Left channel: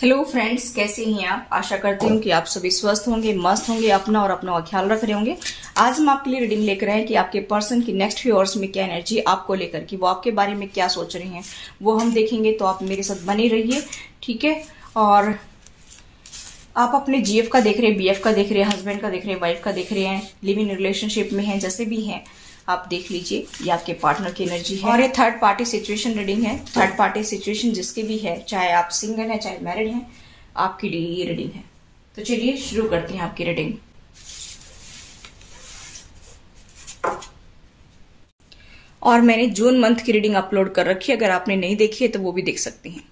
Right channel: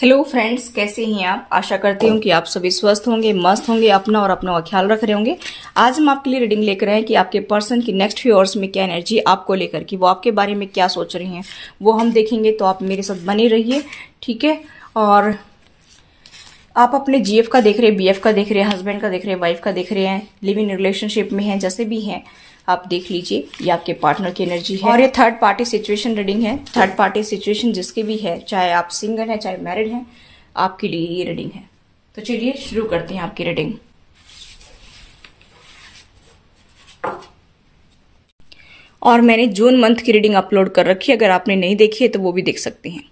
Hello friends, कैसे हैं आप। आशा करती हूँ कि आप सभी स्वस्थ होंगे, मस्त होंगे, अपना और अपनों का ख्याल रख रहे होंगे। आज हम आपके लिए रीडिंग लेकर आए हैं कि आपके पर्सन की नेक्स्ट फ्यू आवर्स में क्या एनर्जी आपको लेकर कि वो आपके बारे में क्या सोच रहे हैं वो हम देखेंगे। तो आप मेरे साथ बने रहिए, ठीक है। और आप अपने जीएफ का देख रहे हैं, बीएफ का देख रहे हैं, हस्बैंड का देख रहे हैं, वाइफ का देख रहे हैं, लिविंग रिलेशनशिप में हैं, जैसे भी हैं आप देख लीजिए। ये आपके पार्टनर की एनर्जी है और ये थर्ड पार्टी सिचुएशन रीडिंग है। थर्ड पार्टी सिचुएशन जिसकी भी है, चाहे आप सिंगल हैं चाहे मैरिड हैं, आपके लिए ये रीडिंग है। तो चलिए शुरू करते हैं आपकी रीडिंग। और मैंने जून मंथ की रीडिंग अपलोड कर रखी है, अगर आपने नहीं देखी है तो वो भी देख सकते हैं।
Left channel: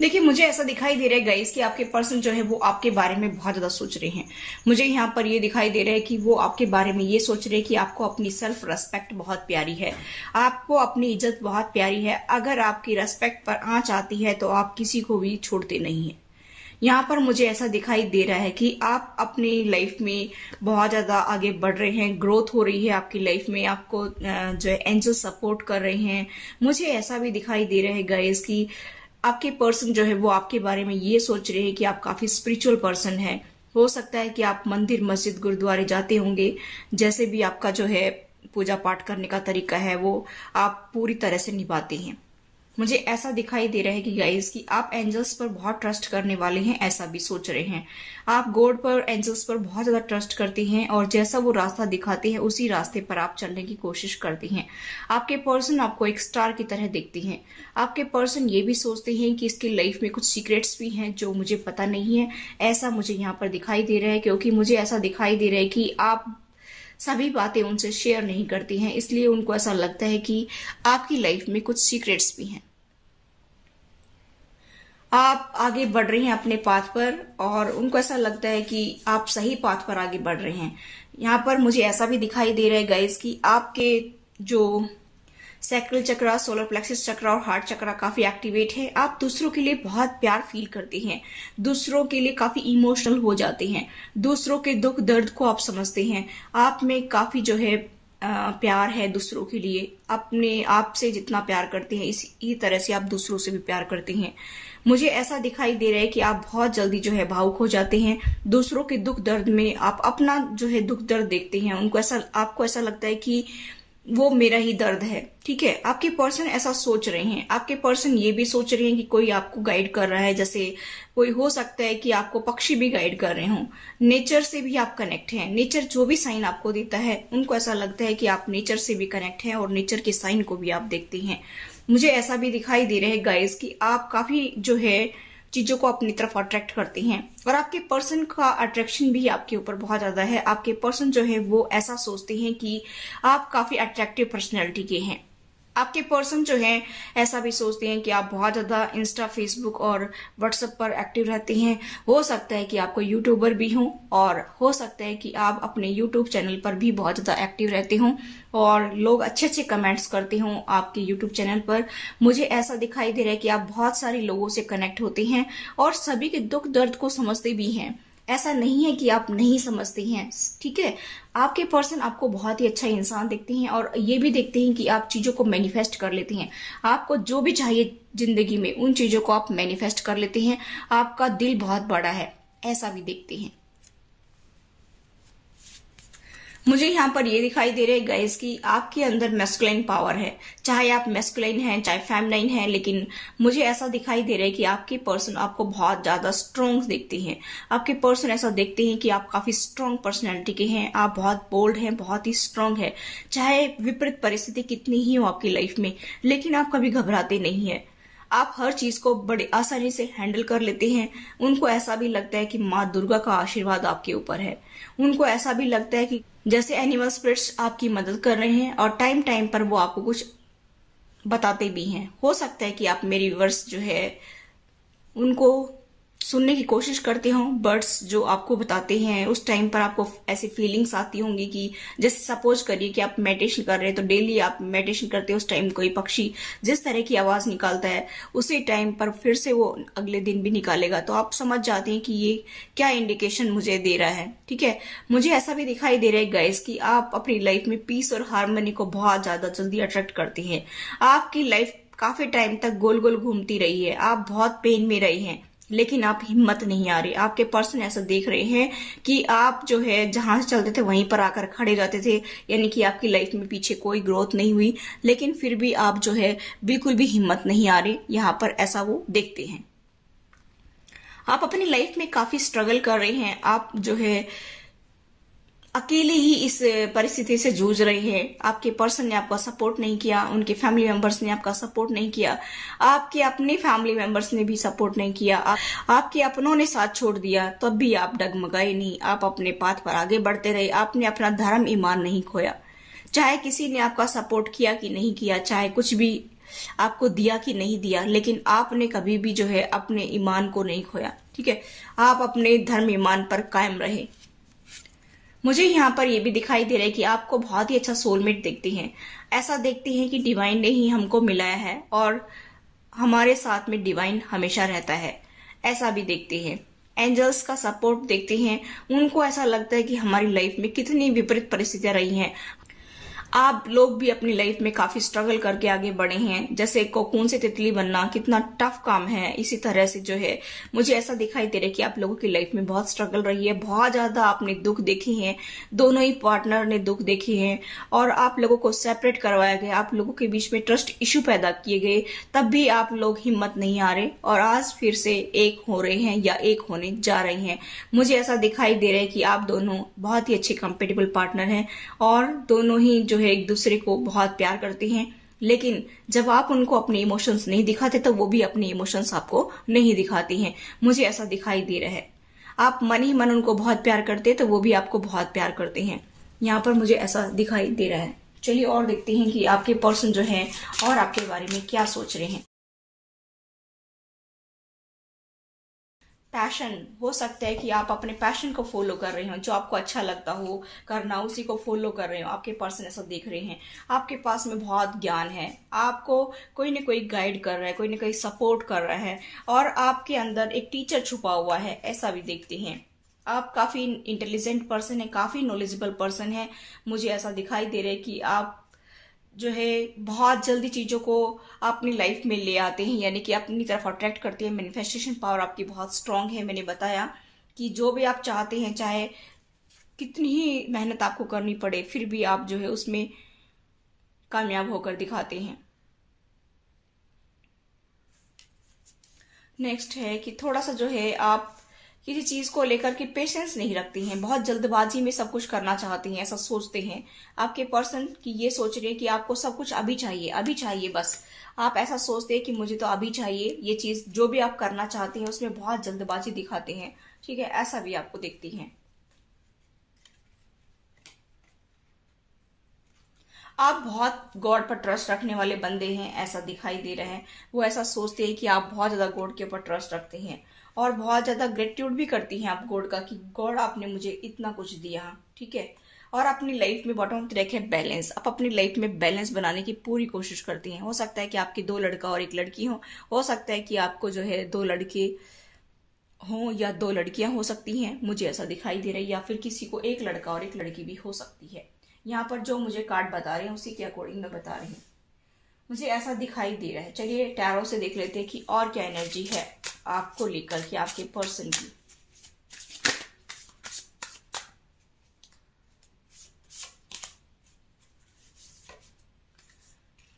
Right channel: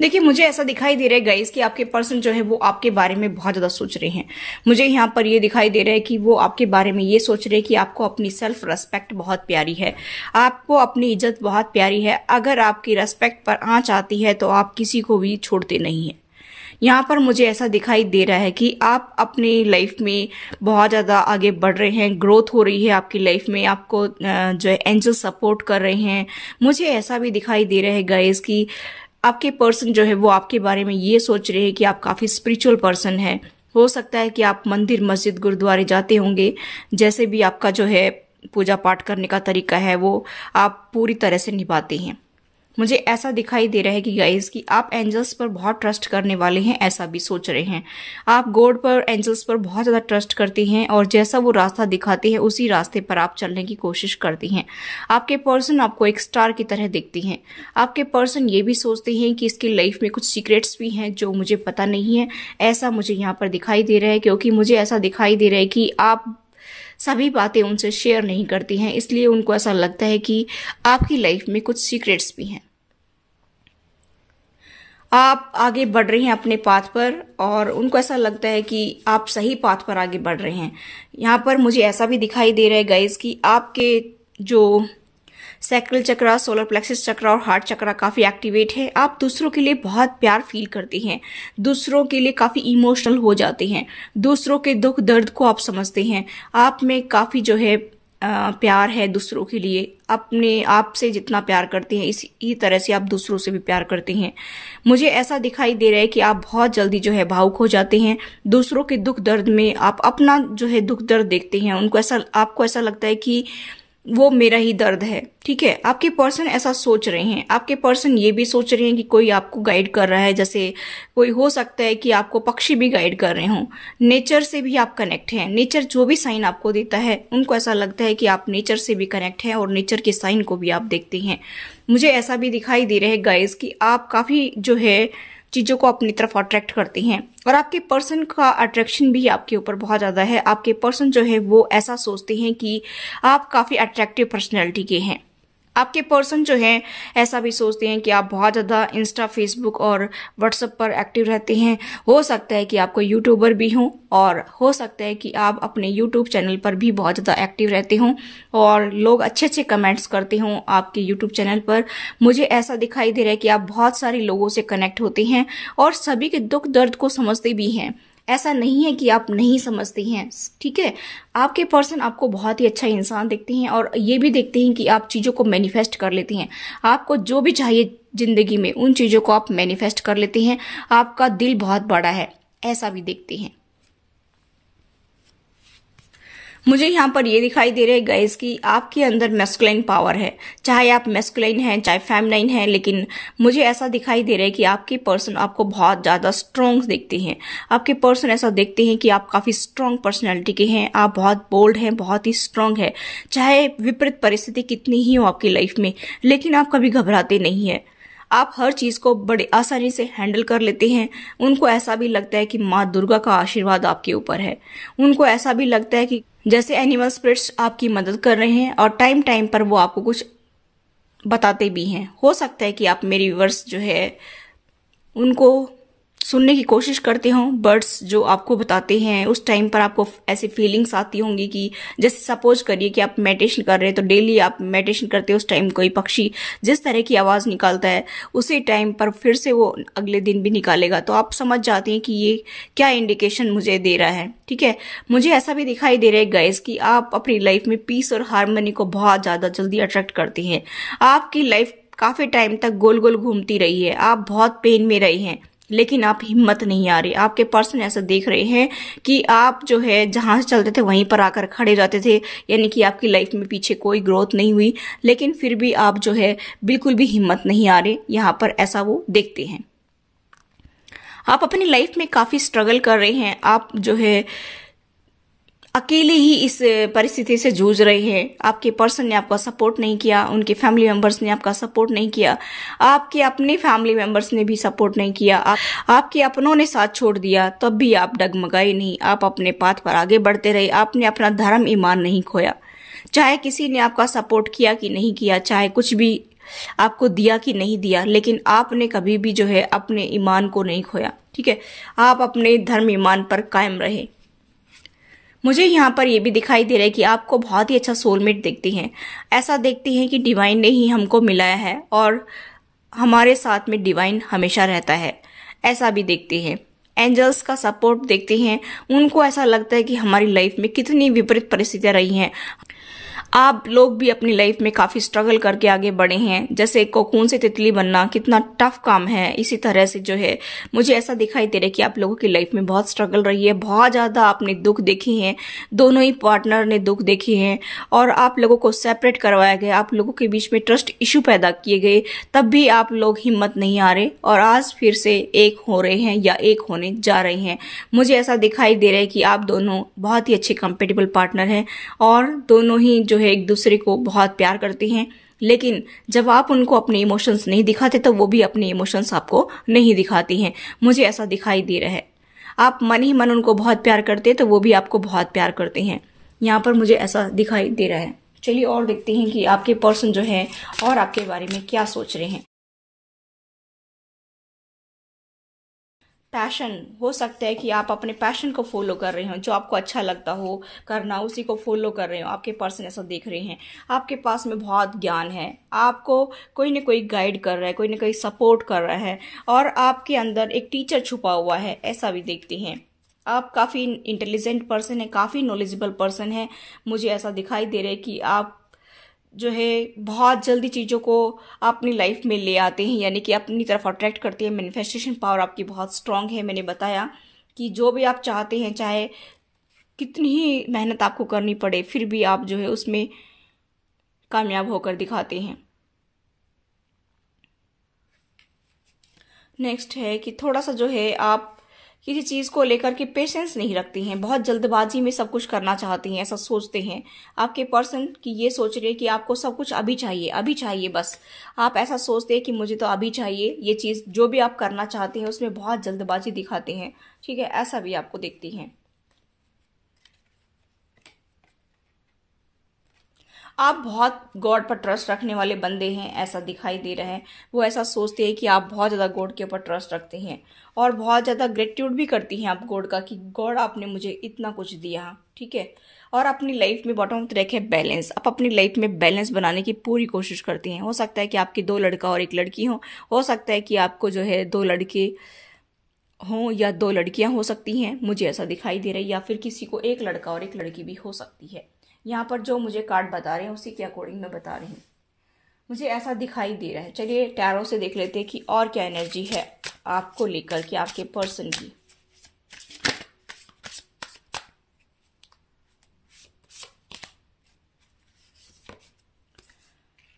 देखिए, मुझे ऐसा दिखाई दे रहा है गाइस कि आपके पर्सन जो है वो आपके बारे में बहुत ज्यादा सोच रहे हैं। मुझे यहाँ पर ये दिखाई दे रहा है कि वो आपके बारे में ये सोच रहे हैं कि आपको अपनी सेल्फ रेस्पेक्ट बहुत प्यारी है, आपको अपनी इज्जत बहुत प्यारी है। अगर आपकी रेस्पेक्ट पर आंच आती है तो आप किसी को भी छोड़ते नहीं है। यहाँ पर मुझे ऐसा दिखाई दे रहा है कि आप अपनी लाइफ में बहुत ज्यादा आगे बढ़ रहे हैं, ग्रोथ हो रही है आपकी लाइफ में, आपको जो है एंजल सपोर्ट कर रहे हैं। मुझे ऐसा भी दिखाई दे रहा है गाइस कि आपके पर्सन जो है वो आपके बारे में ये सोच रहे हैं कि आप काफी स्पिरिचुअल पर्सन है। हो सकता है कि आप मंदिर, मस्जिद, गुरुद्वारे जाते होंगे। जैसे भी आपका जो है पूजा पाठ करने का तरीका है वो आप पूरी तरह से निभाते हैं। मुझे ऐसा दिखाई दे रहा है कि गाइस कि आप एंजल्स पर बहुत ट्रस्ट करने वाले हैं, ऐसा भी सोच रहे हैं। आप गॉड पर, एंजल्स पर बहुत ज्यादा ट्रस्ट करते हैं और जैसा वो रास्ता दिखाते हैं उसी रास्ते पर आप चलने की कोशिश करते हैं। आपके पर्सन आपको एक स्टार की तरह देखते हैं। आपके पर्सन ये भी सोचते हैं कि इसकी लाइफ में कुछ सीक्रेट्स भी हैं जो मुझे पता नहीं है, ऐसा मुझे यहाँ पर दिखाई दे रहा है। क्योंकि मुझे ऐसा दिखाई दे रहा है कि आप सभी बातें उनसे शेयर नहीं करती हैं, इसलिए उनको ऐसा लगता है कि आपकी लाइफ में कुछ सीक्रेट्स भी हैं। आप आगे बढ़ रहे हैं अपने पाथ पर और उनको ऐसा लगता है कि आप सही पाथ पर आगे बढ़ रहे हैं। यहाँ पर मुझे ऐसा भी दिखाई दे रहा है गाइस कि आपके जो सैक्रल चक्रा, सोलर प्लेक्सस चक्रा और हार्ट चक्रा काफी एक्टिवेट है। आप दूसरों के लिए बहुत प्यार फील करते हैं, दूसरों के लिए काफी इमोशनल हो जाते हैं, दूसरों के दुख दर्द को आप समझते हैं। आप में काफी जो है प्यार है दूसरों के लिए। अपने आप से जितना प्यार करते हैं इसी तरह से आप दूसरों से भी प्यार करते हैं। मुझे ऐसा दिखाई दे रहा है कि आप बहुत जल्दी जो है भावुक हो जाते हैं। दूसरों के दुख दर्द में आप अपना जो है दुख दर्द देखते हैं। आपको ऐसा लगता है कि वो मेरा ही दर्द है, ठीक है। आपके पर्सन ऐसा सोच रहे हैं। आपके पर्सन ये भी सोच रहे हैं कि कोई आपको गाइड कर रहा है, जैसे कोई हो सकता है कि आपको पक्षी भी गाइड कर रहे हों। नेचर से भी आप कनेक्ट हैं। नेचर जो भी साइन आपको देता है उनको ऐसा लगता है कि आप नेचर से भी कनेक्ट हैं और नेचर के साइन को भी आप देखते हैं। मुझे ऐसा भी दिखाई दे रहा है गाइस कि आप काफी जो है चीजों को अपनी तरफ अट्रैक्ट करते हैं और आपके पर्सन का अट्रैक्शन भी आपके ऊपर बहुत ज्यादा है। आपके पर्सन जो है वो ऐसा सोचते हैं कि आप काफी अट्रैक्टिव पर्सनैलिटी के हैं। आपके पर्सन जो है ऐसा भी सोचते हैं कि आप बहुत ज्यादा इंस्टा, फेसबुक और व्हाट्सएप पर एक्टिव रहते हैं। हो सकता है कि आपको यूट्यूबर भी हो और हो सकता है कि आप अपने यूट्यूब चैनल पर भी बहुत ज्यादा एक्टिव रहते हों और लोग अच्छे अच्छे कमेंट्स करते हों आपके यूट्यूब चैनल पर। मुझे ऐसा दिखाई दे रहा है कि आप बहुत सारे लोगों से कनेक्ट होते हैं और सभी के दुख दर्द को समझते भी हैं। ऐसा नहीं है कि आप नहीं समझते हैं, ठीक है। आपके पर्सन आपको बहुत ही अच्छा इंसान देखते हैं और ये भी देखते हैं कि आप चीजों को मैनिफेस्ट कर लेते हैं। आपको जो भी चाहिए जिंदगी में उन चीजों को आप मैनिफेस्ट कर लेते हैं। आपका दिल बहुत बड़ा है, ऐसा भी देखते हैं। मुझे यहाँ पर ये दिखाई दे रहा है गाइस कि आपके अंदर मैस्कुलाइन पावर है। चाहे आप मैस्कुलाइन हैं चाहे फेमिनाइन हैं, लेकिन मुझे ऐसा दिखाई दे रहा है कि आपके पर्सन आपको बहुत ज्यादा स्ट्रांग देखते हैं। आपके पर्सन ऐसा देखते हैं कि आप काफी स्ट्रांग पर्सनैलिटी के हैं। आप बहुत बोल्ड हैं, बहुत ही स्ट्रांग है। चाहे विपरीत परिस्थिति कितनी ही हो आपकी लाइफ में, लेकिन आप कभी घबराते नहीं है। आप हर चीज को बड़े आसानी से हैंडल कर लेते हैं। उनको ऐसा भी लगता है कि माँ दुर्गा का आशीर्वाद आपके ऊपर है। उनको ऐसा भी लगता है कि जैसे एनिमल स्पिरिट्स आपकी मदद कर रहे हैं और टाइम टाइम पर वो आपको कुछ बताते भी हैं। हो सकता है कि आप मेरे व्यूअर्स जो है उनको सुनने की कोशिश करते हो। बर्ड्स जो आपको बताते हैं उस टाइम पर आपको ऐसी फीलिंग्स आती होंगी कि जैसे सपोज करिए कि आप मेडिटेशन कर रहे हैं, तो डेली आप मेडिटेशन करते हो, उस टाइम कोई पक्षी जिस तरह की आवाज निकालता है उसी टाइम पर फिर से वो अगले दिन भी निकालेगा, तो आप समझ जाते हैं कि ये क्या इंडिकेशन मुझे दे रहा है। ठीक है, मुझे ऐसा भी दिखाई दे रहा है गाइस कि आप अपनी लाइफ में पीस और हार्मनी को बहुत ज्यादा जल्दी अट्रैक्ट करते हैं। आपकी लाइफ काफी टाइम तक गोल गोल घूमती रही है, आप बहुत पेन में रहे हैं, लेकिन आप हिम्मत नहीं आ रही। आपके पर्सन ऐसा देख रहे हैं कि आप जो है जहां से चलते थे वहीं पर आकर खड़े जाते थे, यानी कि आपकी लाइफ में पीछे कोई ग्रोथ नहीं हुई, लेकिन फिर भी आप जो है बिल्कुल भी हिम्मत नहीं आ रही। यहां पर ऐसा वो देखते हैं। आप अपनी लाइफ में काफी स्ट्रगल कर रहे हैं, आप जो है अकेले ही इस परिस्थिति से जूझ रहे हैं। आपके पर्सन ने आपका सपोर्ट नहीं किया, उनके फैमिली मेंबर्स ने आपका सपोर्ट नहीं किया, आपके अपने फैमिली मेंबर्स ने भी सपोर्ट नहीं किया, आपके अपनों ने साथ छोड़ दिया, तब भी आप डगमगाए नहीं, आप अपने पाथ पर आगे बढ़ते रहे। आपने अपना धर्म ईमान नहीं खोया, चाहे किसी ने आपका सपोर्ट किया कि नहीं किया, चाहे कुछ भी आपको दिया कि नहीं दिया, लेकिन आपने कभी भी जो है अपने ईमान को नहीं खोया। ठीक है, आप अपने धर्म ईमान पर कायम रहे। मुझे यहाँ पर यह भी दिखाई दे रहा है कि आपको बहुत ही अच्छा सोलमेट देखते हैं। ऐसा देखते हैं कि डिवाइन ने ही हमको मिलाया है और हमारे साथ में डिवाइन हमेशा रहता है, ऐसा भी देखते हैं। एंजल्स का सपोर्ट देखते हैं, उनको ऐसा लगता है कि हमारी लाइफ में कितनी विपरीत परिस्थितियां रही हैं, आप लोग भी अपनी लाइफ में काफी स्ट्रगल करके आगे बढ़े हैं। जैसे कोकून से तितली बनना कितना टफ काम है, इसी तरह से जो है मुझे ऐसा दिखाई दे रहा है कि आप लोगों की लाइफ में बहुत स्ट्रगल रही है, बहुत ज्यादा आपने दुख देखे हैं, दोनों ही पार्टनर ने दुख देखे हैं और आप लोगों को सेपरेट करवाया गया, आप लोगों के बीच में ट्रस्ट इश्यू पैदा किए गए, तब भी आप लोग हिम्मत नहीं आ रहे और आज फिर से एक हो रहे हैं या एक होने जा रहे हैं। मुझे ऐसा दिखाई दे रहा है कि आप दोनों बहुत ही अच्छे कंपेटेबल पार्टनर हैं और दोनों ही जो है एक दूसरे को बहुत प्यार करते हैं, लेकिन जब आप उनको अपने इमोशंस नहीं दिखाते तो वो भी अपने इमोशंस आपको नहीं दिखाती हैं। मुझे ऐसा दिखाई दे रहा है, आप मन ही मन उनको बहुत प्यार करते हैं तो वो भी आपको बहुत प्यार करते हैं। यहाँ पर मुझे ऐसा दिखाई दे रहा है। चलिए और देखते हैं कि आपके पर्सन जो है और आपके बारे में क्या सोच रहे हैं। पैशन, हो सकता है कि आप अपने पैशन को फॉलो कर रहे हो, जो आपको अच्छा लगता हो करना उसी को फॉलो कर रहे हो। आपके पर्सन ऐसा देख रहे हैं, आपके पास में बहुत ज्ञान है, आपको कोई न कोई गाइड कर रहा है, कोई न कोई सपोर्ट कर रहा है और आपके अंदर एक टीचर छुपा हुआ है, ऐसा भी देखते हैं। आप काफी इंटेलिजेंट पर्सन है, काफी नॉलेजेबल पर्सन है। मुझे ऐसा दिखाई दे रहा है कि आप जो है बहुत जल्दी चीजों को अपनी लाइफ में ले आते हैं, यानी कि अपनी तरफ अट्रैक्ट करते हैं। मैनिफेस्टेशन पावर आपकी बहुत स्ट्रांग है। मैंने बताया कि जो भी आप चाहते हैं, चाहे कितनी ही मेहनत आपको करनी पड़े, फिर भी आप जो है उसमें कामयाब होकर दिखाते हैं। नेक्स्ट है कि थोड़ा सा जो है आप किसी चीज को लेकर के पेशेंस नहीं रखती हैं, बहुत जल्दबाजी में सब कुछ करना चाहती हैं, ऐसा सोचते हैं। आपके पर्सन की ये सोच रहे हैं कि आपको सब कुछ अभी चाहिए, अभी चाहिए, बस आप ऐसा सोचते हैं कि मुझे तो अभी चाहिए ये चीज। जो भी आप करना चाहते हैं उसमें बहुत जल्दबाजी दिखाते हैं। ठीक है, ऐसा भी आपको देखती हैं। आप बहुत गॉड पर ट्रस्ट रखने वाले बंदे हैं, ऐसा दिखाई दे रहा है। वो ऐसा सोचते हैं कि आप बहुत ज्यादा गॉड के ऊपर ट्रस्ट रखते हैं और बहुत ज्यादा ग्रेटिट्यूड भी करती हैं आप गॉड का कि गॉड आपने मुझे इतना कुछ दिया। ठीक है, और अपनी लाइफ में बॉटम ऑफ रखे बैलेंस, आप अपनी लाइफ में बैलेंस बनाने की पूरी कोशिश करती हैं। हो सकता है कि आपकी 2 लड़का और 1 लड़की हो सकता है कि आपको जो है 2 लड़के हों या 2 लड़कियां हो सकती हैं, मुझे ऐसा दिखाई दे रहा है, या फिर किसी को 1 लड़का और 1 लड़की भी हो सकती है। यहाँ पर जो मुझे कार्ड बता रहे हैं उसी के अकॉर्डिंग मैं बता रही हूँ, मुझे ऐसा दिखाई दे रहा है। चलिए टैरो से देख लेते हैं कि और क्या एनर्जी है आपको लेकर के आपके पर्सन की।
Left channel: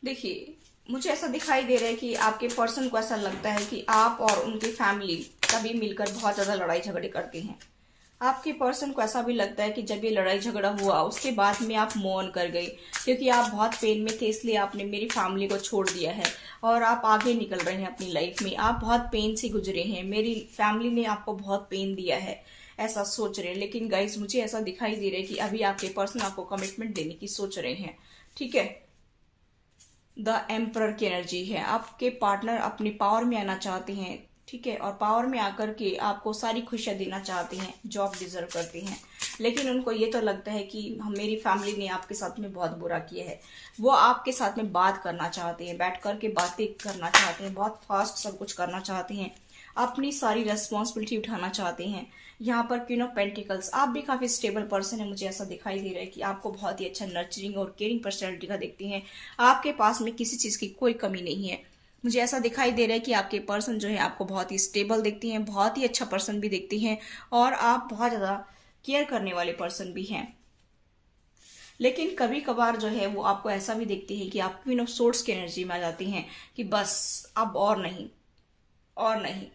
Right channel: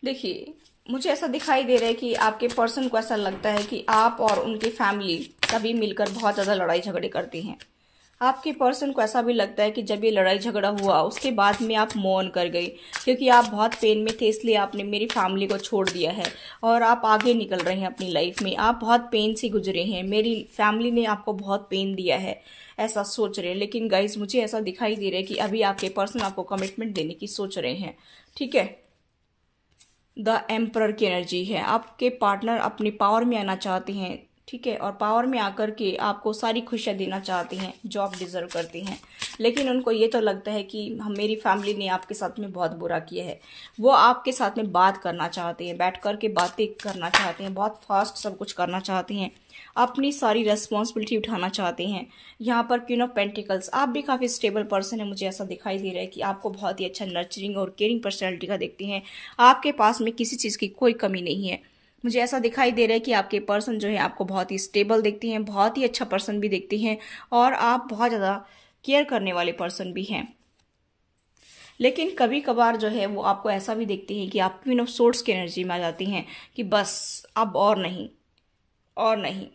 देखिए, मुझे ऐसा दिखाई दे रहा है कि आपके पर्सन को ऐसा लगता है कि आप और उनकी फैमिली सभी मिलकर बहुत ज्यादा लड़ाई झगड़े करती हैं। आपके पर्सन को ऐसा भी लगता है कि जब ये लड़ाई झगड़ा हुआ उसके बाद में आप मौन कर गई, क्योंकि आप बहुत पेन में थे, इसलिए आपने मेरी फैमिली को छोड़ दिया है और आप आगे निकल रहे हैं अपनी लाइफ में। आप बहुत पेन से गुजरे हैं, मेरी फैमिली ने आपको बहुत पेन दिया है, ऐसा सोच रहे हैं। लेकिन गाइस, मुझे ऐसा दिखाई दे रहा है कि अभी आपके पर्सन आपको कमिटमेंट देने की सोच रहे हैं। ठीक है, द एम्परर की एनर्जी है। आपके पार्टनर अपनी पावर में आना चाहते हैं, ठीक है, और पावर में आकर के आपको सारी खुशियां देना चाहते हैं, जॉब डिजर्व करते हैं, लेकिन उनको ये तो लगता है कि मेरी फैमिली ने आपके साथ में बहुत बुरा किया है। वो आपके साथ में बात करना चाहते हैं, बैठ कर के बातें करना चाहते हैं, बहुत फास्ट सब कुछ करना चाहते हैं, अपनी सारी रेस्पॉन्सिबिलिटी उठाना चाहते हैं। यहाँ पर क्वीन ऑफ पेंटिकल्स, आप भी काफी स्टेबल पर्सन है, मुझे ऐसा दिखाई दे रहा है कि आपको बहुत ही अच्छा नर्चरिंग और केयरिंग पर्सनैलिटी का देखते हैं। आपके पास में किसी चीज की कोई कमी नहीं है। मुझे ऐसा दिखाई दे रहा है कि आपके पर्सन जो है आपको बहुत ही स्टेबल देखती हैं, बहुत ही अच्छा पर्सन भी देखती हैं, और आप बहुत ज्यादा केयर करने वाले पर्सन भी हैं। लेकिन कभी कभार जो है वो आपको ऐसा भी देखती हैं कि आप क्वीन ऑफ सोर्ड्स की एनर्जी में आ जाती हैं कि बस अब और नहीं और नहीं,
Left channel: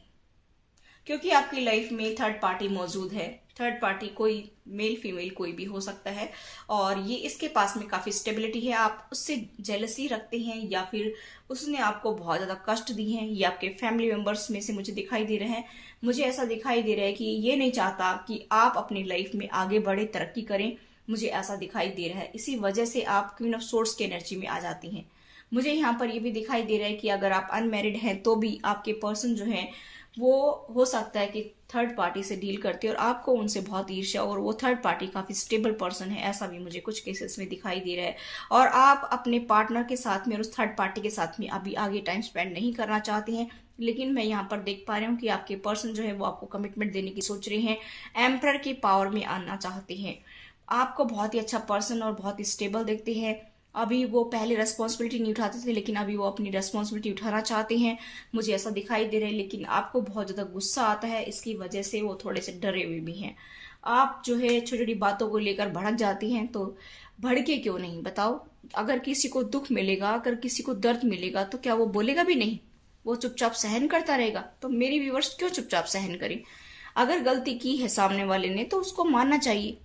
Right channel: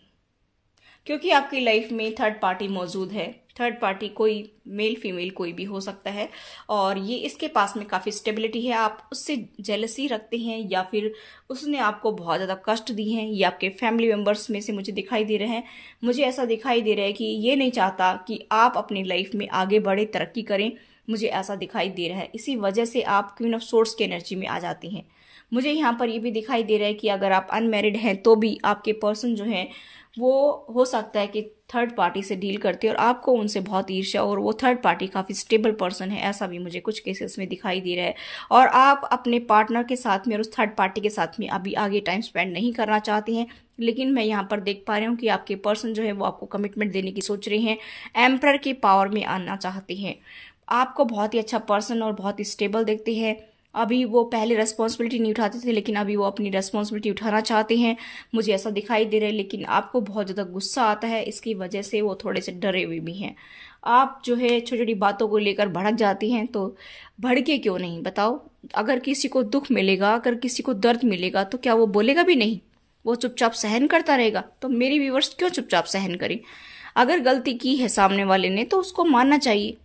क्योंकि आपकी लाइफ में थर्ड पार्टी मौजूद है। थर्ड पार्टी कोई मेल फीमेल कोई भी हो सकता है, और ये इसके पास में काफी स्टेबिलिटी है। आप उससे जेलसी रखते हैं या फिर उसने आपको बहुत ज्यादा कष्ट दी हैं, ये आपके फैमिली मेंबर्स में से मुझे दिखाई दे रहे हैं। मुझे ऐसा दिखाई दे रहा है कि ये नहीं चाहता कि आप अपनी लाइफ में आगे बढ़े, तरक्की करें, मुझे ऐसा दिखाई दे रहा है। इसी वजह से आप क्वीन ऑफ सोर्ड्स की एनर्जी में आ जाती हैं। मुझे यहाँ पर ये भी दिखाई दे रहा है कि अगर आप अनमैरिड हैं तो भी आपके पर्सन जो है वो हो सकता है कि थर्ड पार्टी से डील करते हैं और आपको उनसे बहुत ईर्ष्या, और वो थर्ड पार्टी काफी स्टेबल पर्सन है, ऐसा भी मुझे कुछ केसेस में दिखाई दे रहा है। और आप अपने पार्टनर के साथ में और उस थर्ड पार्टी के साथ में अभी आगे टाइम स्पेंड नहीं करना चाहते हैं, लेकिन मैं यहाँ पर देख पा रही हूँ कि आपके पर्सन जो है वो आपको कमिटमेंट देने की सोच रहे हैं, एम्परर की पावर में आना चाहते हैं। आपको बहुत ही अच्छा पर्सन और बहुत ही स्टेबल देखते हैं। अभी वो पहले रेस्पॉन्सिबिलिटी नहीं उठाते थे, लेकिन अभी वो अपनी रेस्पॉन्सिबिलिटी उठाना चाहते हैं, मुझे ऐसा दिखाई दे रहा है। लेकिन आपको बहुत ज्यादा गुस्सा आता है, इसकी वजह से वो थोड़े से डरे हुए भी हैं। आप जो है छोटी छोटी बातों को लेकर भड़क जाती हैं, तो भड़के क्यों नहीं बताओ? अगर किसी को दुख मिलेगा, अगर किसी को दर्द मिलेगा, तो क्या वो बोलेगा भी नहीं? वो चुपचाप सहन करता रहेगा? तो मेरी व्यूअर्स क्यों चुपचाप सहन करें? अगर गलती की है सामने वाले ने तो उसको मानना चाहिए।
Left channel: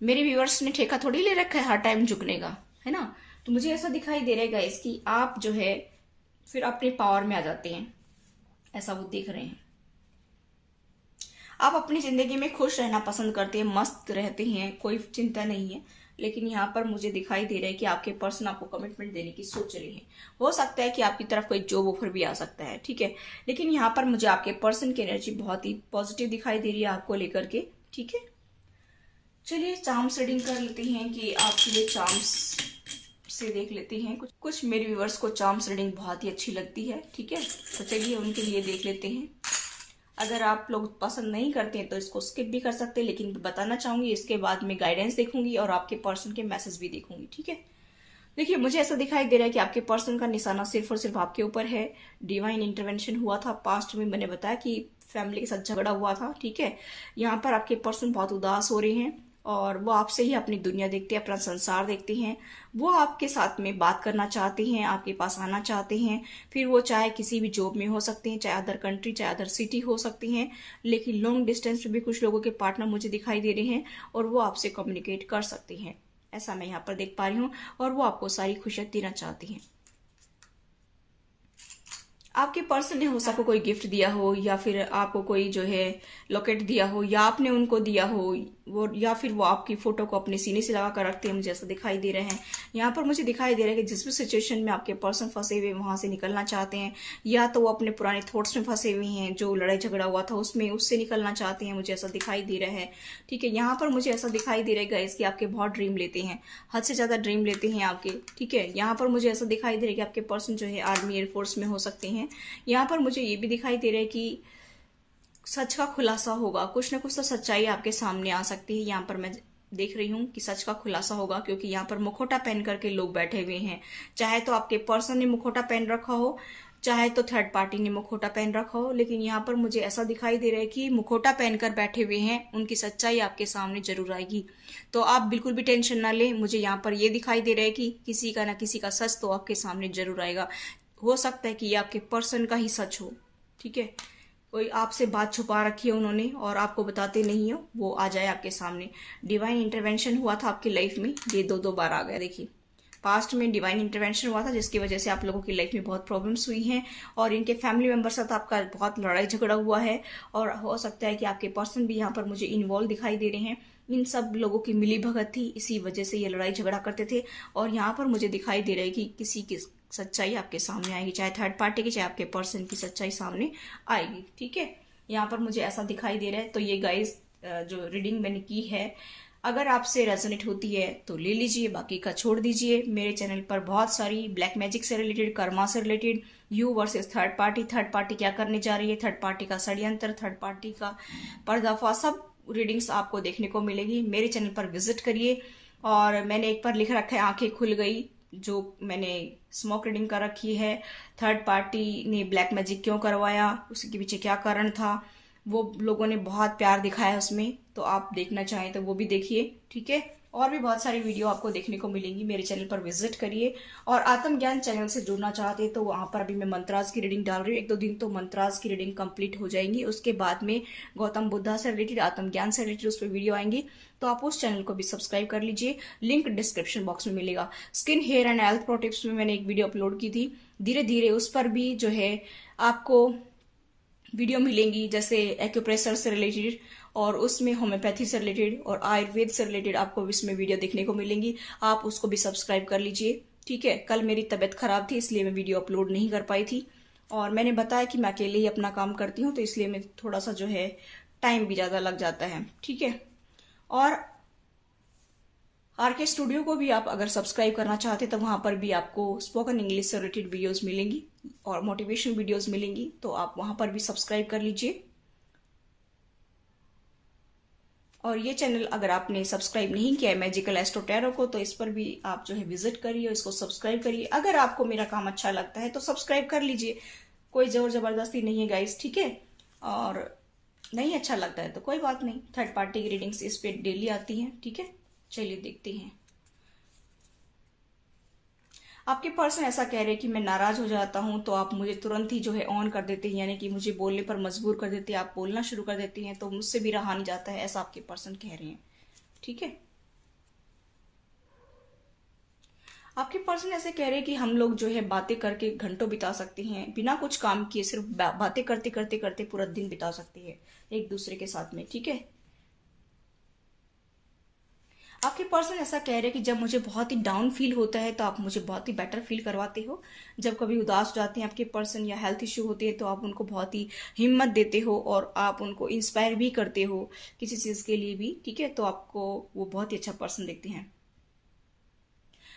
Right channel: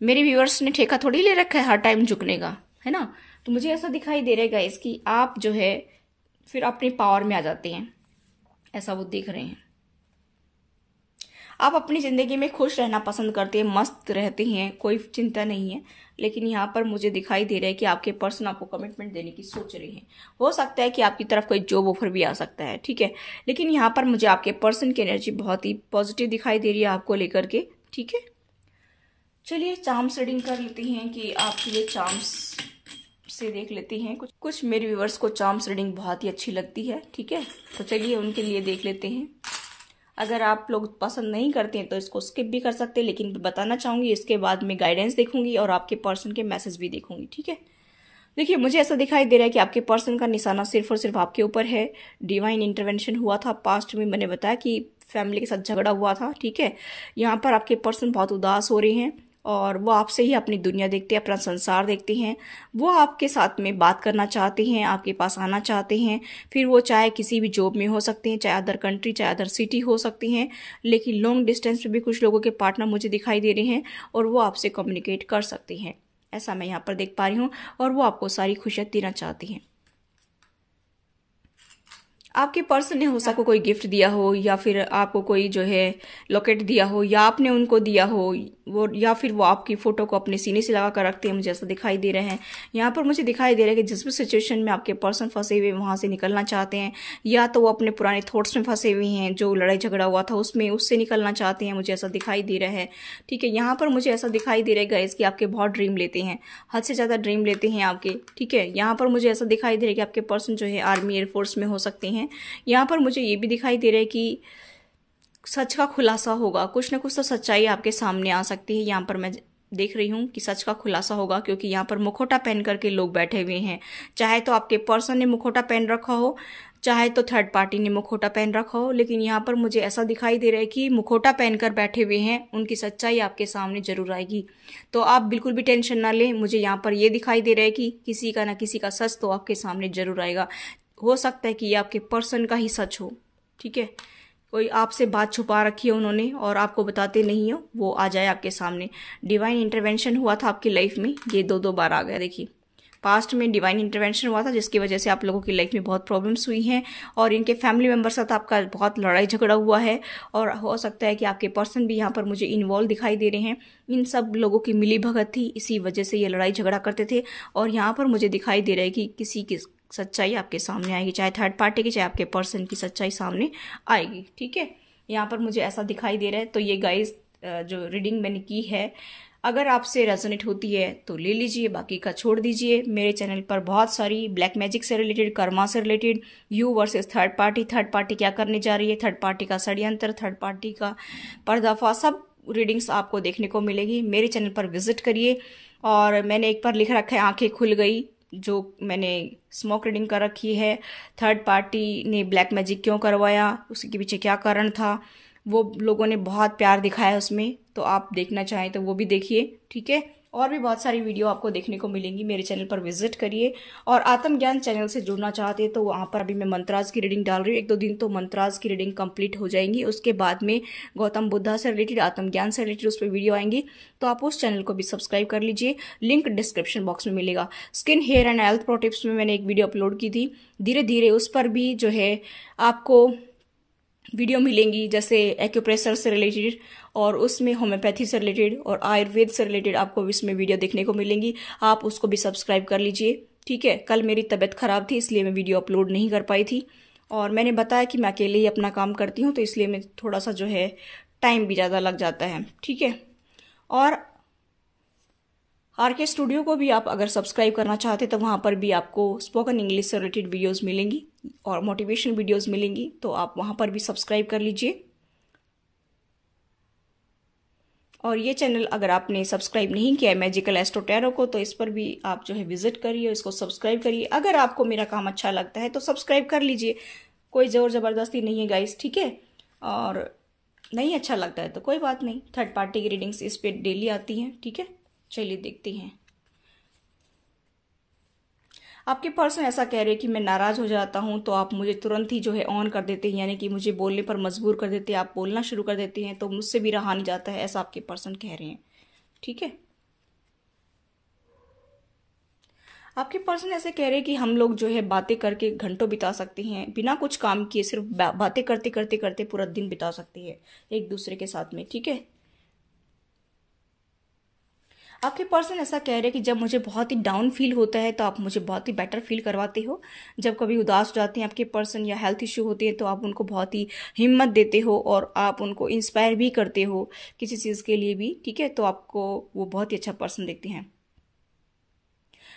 मेरे व्यूअर्स ने ठेका थोड़ी ले रखा है हर टाइम झुकने का, है ना? तो मुझे ऐसा दिखाई दे रहा है गाइस कि आप जो है फिर अपनी पावर में आ जाते हैं, ऐसा वो देख रहे हैं। आप अपनी जिंदगी में खुश रहना पसंद करते हैं, मस्त रहते हैं, कोई चिंता नहीं है। लेकिन यहाँ पर मुझे दिखाई दे रहा है कि आपके पर्सन आपको कमिटमेंट देने की सोच रहे हैं। हो सकता है कि आपकी तरफ कोई जॉब ऑफर भी आ सकता है, ठीक है। लेकिन यहाँ पर मुझे आपके पर्सन की एनर्जी बहुत ही पॉजिटिव दिखाई दे रही है आपको लेकर के, ठीक है। चलिए चार्म्स रीडिंग कर लेते हैं कि आपके लिए चार्म्स से देख लेती हैं। कुछ मेरे व्यूअर्स को चार्म्स रीडिंग बहुत ही अच्छी लगती है, ठीक है, तो चलिए उनके लिए देख लेते हैं। अगर आप लोग पसंद नहीं करते हैं तो इसको स्किप भी कर सकते हैं, लेकिन बताना चाहूंगी इसके बाद में गाइडेंस देखूंगी और आपके पर्सन के मैसेज भी देखूंगी, ठीक है। देखिए मुझे ऐसा दिखाई दे रहा है कि आपके पर्सन का निशाना सिर्फ और सिर्फ आपके ऊपर है। डिवाइन इंटरवेंशन हुआ था पास्ट में, मैंने बताया कि फैमिली के साथ झगड़ा हुआ था, ठीक है। यहाँ पर आपके पर्सन बहुत उदास हो रहे हैं और वो आपसे ही अपनी दुनिया देखते हैं, अपना संसार देखते हैं। वो आपके साथ में बात करना चाहते हैं, आपके पास आना चाहते हैं। फिर वो चाहे किसी भी जॉब में हो सकते हैं, चाहे अदर कंट्री, चाहे अदर सिटी हो सकती हैं, लेकिन लॉन्ग डिस्टेंस पे भी कुछ लोगों के पार्टनर मुझे दिखाई दे रहे हैं और वो आपसे कम्युनिकेट कर सकते हैं, ऐसा मैं यहाँ पर देख पा रही हूँ। और वो आपको सारी खुशियां देना चाहती हैं। आपके पर्सन ने हो सकता कोई गिफ्ट दिया हो, या फिर आपको कोई जो है लॉकेट दिया हो, या आपने उनको दिया हो वो, या फिर वो आपकी फोटो को अपने सीने से लगा कर रखते हैं, मुझे ऐसा दिखाई दे रहा है। यहाँ पर मुझे दिखाई दे रहा है कि जिस भी सिचुएशन में आपके पर्सन फंसे हुए वहां से निकलना चाहते हैं, या तो वो अपने पुराने थॉट्स में फंसे हुए हैं, जो लड़ाई झगड़ा हुआ था उसमें, उससे निकलना चाहते हैं, मुझे ऐसा दिखाई दे रहा है, ठीक है। यहाँ पर मुझे ऐसा दिखाई दे रहा है गाइस कि आपके बहुत ड्रीम लेते हैं, हद से ज्यादा ड्रीम लेते हैं आपके, ठीक है। यहाँ पर मुझे ऐसा दिखाई दे रहा है कि आपके पर्सन जो है आर्मी एयरफोर्स में हो सकते हैं। यहाँ पर मुझे ये भी दिखाई दे रहा है कि सच का खुलासा होगा, कुछ ना कुछ तो सच्चाई आपके सामने आ सकती है। यहाँ पर मैं देख रही हूँ कि सच का खुलासा होगा, क्योंकि यहाँ पर मुखौटा पहन करके लोग बैठे हुए हैं। चाहे तो आपके पर्सन ने मुखौटा पहन रखा हो, चाहे तो थर्ड पार्टी ने मुखौटा पहन रखा हो, लेकिन यहाँ पर मुझे ऐसा दिखाई दे रहा है कि मुखौटा पहनकर बैठे हुए हैं, उनकी सच्चाई आपके सामने जरूर आएगी। तो आप बिल्कुल भी टेंशन ना लें। मुझे यहाँ पर ये दिखाई दे रहा है कि किसी का ना किसी का सच तो आपके सामने जरूर आएगा। हो सकता है कि ये आपके पर्सन का ही सच हो, ठीक है। कोई आपसे बात छुपा रखी है उन्होंने और आपको बताते नहीं हो, वो आ जाए आपके सामने। डिवाइन इंटरवेंशन हुआ था आपकी लाइफ में, ये दो बार आ गया। देखिए पास्ट में डिवाइन इंटरवेंशन हुआ था, जिसकी वजह से आप लोगों की लाइफ में बहुत प्रॉब्लम्स हुई हैं और इनके फैमिली मेंबर साथ आपका बहुत लड़ाई झगड़ा हुआ है। और हो सकता है कि आपके पर्सन भी यहाँ पर मुझे इन्वॉल्व दिखाई दे रहे हैं। इन सब लोगों की मिली भगत थी, इसी वजह से ये लड़ाई झगड़ा करते थे। और यहाँ पर मुझे दिखाई दे रहा है कि किसी सच्चाई आपके सामने आएगी, चाहे थर्ड पार्टी की चाहे आपके पर्सन की सच्चाई सामने आएगी। ठीक है, यहाँ पर मुझे ऐसा दिखाई दे रहा है। तो ये गाइस जो रीडिंग मैंने की है, अगर आपसे रेजोनेट होती है तो ले लीजिए, बाकी का छोड़ दीजिए। मेरे चैनल पर बहुत सारी ब्लैक मैजिक से रिलेटेड, कर्मा से related, you versus third party क्या करने जा रही है, थर्ड पार्टी का षड्यंत्र, थर्ड पार्टी का पर्दाफाश, सब रीडिंग्स आपको देखने को मिलेगी। मेरे चैनल पर विजिट करिए। और मैंने एक बार लिख रखा है आंखें खुल गई, जो मैंने स्मोक रीडिंग कर रखी है। थर्ड पार्टी ने ब्लैक मैजिक क्यों करवाया, उसके पीछे क्या कारण था, वो लोगों ने बहुत प्यार दिखाया उसमें। तो आप देखना चाहें तो वो भी देखिए। ठीक है, और भी बहुत सारी वीडियो आपको देखने को मिलेंगी। मेरे चैनल पर विजिट करिए। और आत्मज्ञान चैनल से जुड़ना चाहते हैं तो वहां पर अभी मैं मंत्राज की रीडिंग डाल रही हूँ। 1-2 दिन तो मंत्राज की रीडिंग कंप्लीट हो जाएंगी। उसके बाद में गौतम बुद्धा से रिलेटेड, आत्मज्ञान से रिलेटेड उस पर वीडियो आएंगी। तो आप उस चैनल को भी सब्सक्राइब कर लीजिए, लिंक डिस्क्रिप्शन बॉक्स में मिलेगा। Skin, hair and health pro tips में मैंने एक वीडियो अपलोड की थी। धीरे धीरे उस पर भी जो है आपको वीडियो मिलेंगी, जैसे एक्यूप्रेशर से रिलेटेड, और उसमें होम्योपैथी से रिलेटेड और आयुर्वेद से रिलेटेड आपको इसमें वीडियो देखने को मिलेंगी। आप उसको भी सब्सक्राइब कर लीजिए। ठीक है, कल मेरी तबीयत खराब थी इसलिए मैं वीडियो अपलोड नहीं कर पाई थी, और मैंने बताया कि मैं अकेले ही अपना काम करती हूँ, तो इसलिए मैं थोड़ा सा जो है टाइम भी ज़्यादा लग जाता है। ठीक है, और आरके स्टूडियो को भी आप अगर सब्सक्राइब करना चाहते तो वहां पर भी आपको स्पोकन इंग्लिश से रिलेटेड वीडियोस मिलेंगी और मोटिवेशन वीडियोस मिलेंगी, तो आप वहां पर भी सब्सक्राइब कर लीजिए। और ये चैनल अगर आपने सब्सक्राइब नहीं किया है मैजिकल एस्ट्रो टैरो को, तो इस पर भी आप जो है विजिट करिए और इसको सब्सक्राइब करिए। अगर आपको मेरा काम अच्छा लगता है तो सब्सक्राइब कर लीजिए, कोई जोर जबरदस्ती नहीं है गाइस। ठीक है, और नहीं अच्छा लगता है तो कोई बात नहीं। थर्ड पार्टी की रीडिंग्स इस पे डेली आती हैं। ठीक है, चलिए देखते हैं। आपके पर्सन ऐसा कह रहे हैं कि मैं नाराज हो जाता हूं तो आप मुझे तुरंत ही जो है ऑन कर देते हैं, यानी कि मुझे बोलने पर मजबूर कर देते हैं, आप बोलना शुरू कर देते हैं तो मुझसे भी रहा नहीं जाता है, ऐसा आपके पर्सन कह रहे हैं। ठीक है, आपके पर्सन ऐसे कह रहे हैं कि हम लोग जो है बातें करके घंटों बिता सकते हैं, बिना कुछ काम किए सिर्फ बातें करते करते करते पूरा दिन बिता सकते हैं एक दूसरे के साथ में। ठीक है, आपके पर्सन ऐसा कह रहे हैं कि जब मुझे बहुत ही डाउन फील होता है तो आप मुझे बहुत ही बेटर फील करवाते हो। जब कभी उदास हो जाते हैं आपके पर्सन या हेल्थ इश्यू होते हैं तो आप उनको बहुत ही हिम्मत देते हो और आप उनको इंस्पायर भी करते हो किसी चीज के लिए भी। ठीक है, तो आपको वो बहुत ही अच्छा पर्सन देखते हैं।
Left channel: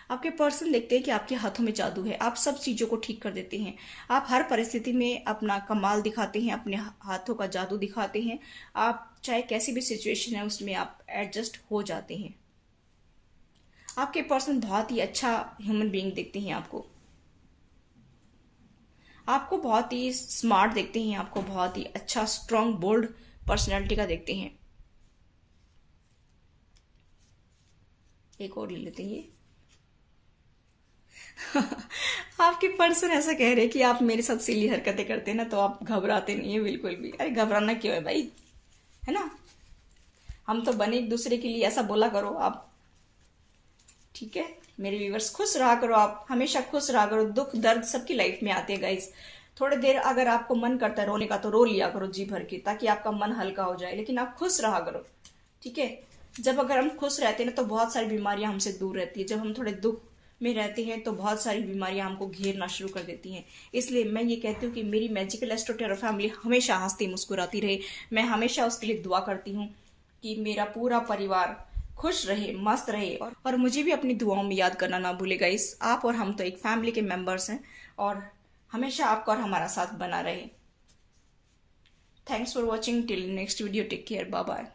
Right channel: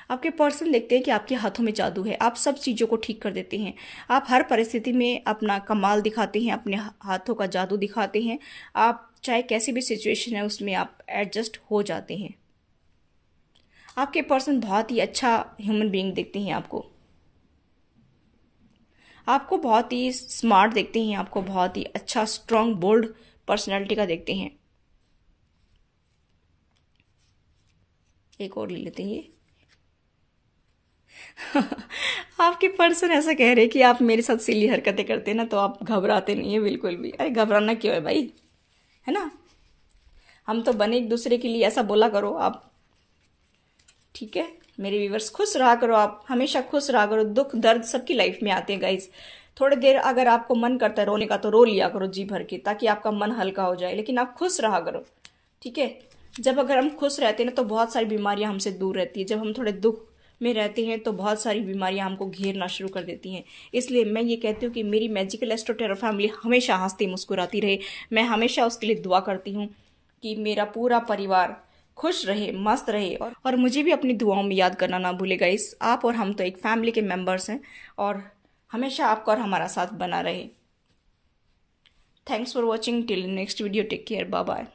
आपके पर्सन देखते हैं कि आपके हाथों में जादू है, आप सब चीजों को ठीक कर देते हैं, आप हर परिस्थिति में अपना कमाल दिखाते हैं, अपने हाथों का जादू दिखाते हैं। आप चाहे कैसी भी सिचुएशन है उसमें आप एडजस्ट हो जाते हैं। आपके पर्सन बहुत ही अच्छा ह्यूमन बीइंग देखते हैं आपको बहुत ही स्मार्ट देखते हैं, आपको बहुत ही अच्छा स्ट्रांग बोल्ड पर्सनालिटी का देखते हैं। एक और ले लेते हैं। आपके पर्सन ऐसा कह रहे हैं कि आप मेरे साथ सिली हरकतें करते हैं ना तो आप घबराते नहीं है बिल्कुल भी। अरे घबराना क्यों है भाई, है ना, हम तो बने एक दूसरे के लिए, ऐसा बोला करो आप। ठीक है, मेरे व्यूवर्स खुश रहा करो, आप हमेशा खुश रहा करो। दुख दर्द सबकी लाइफ में आते हैं गाइस। थोड़ी देर अगर आपको मन करता है रोने का तो रो लिया करो जी भर के, ताकि आपका मन हल्का हो जाए, लेकिन आप खुश रहा करो। ठीक है, जब अगर हम खुश रहते हैं ना तो बहुत सारी बीमारियां हमसे दूर रहती है। जब हम थोड़े दुख में रहते हैं तो बहुत सारी बीमारियां हमको घेरना शुरू कर देती हैं। इसलिए मैं ये कहती हूँ कि मेरी मैजिकल एस्ट्रो टैरो फैमिली हमेशा हंसती मुस्कुराती रहे। मैं हमेशा उसके लिए दुआ करती हूँ कि मेरा पूरा परिवार खुश रहे, मस्त रहे, और मुझे भी अपनी दुआओं में याद करना ना भूलेगा। इस आप और हम तो एक फैमिली के मेंबर्स हैं और हमेशा आपका और हमारा साथ बना रहे। Thanks for watching, till next video, take care, bye bye.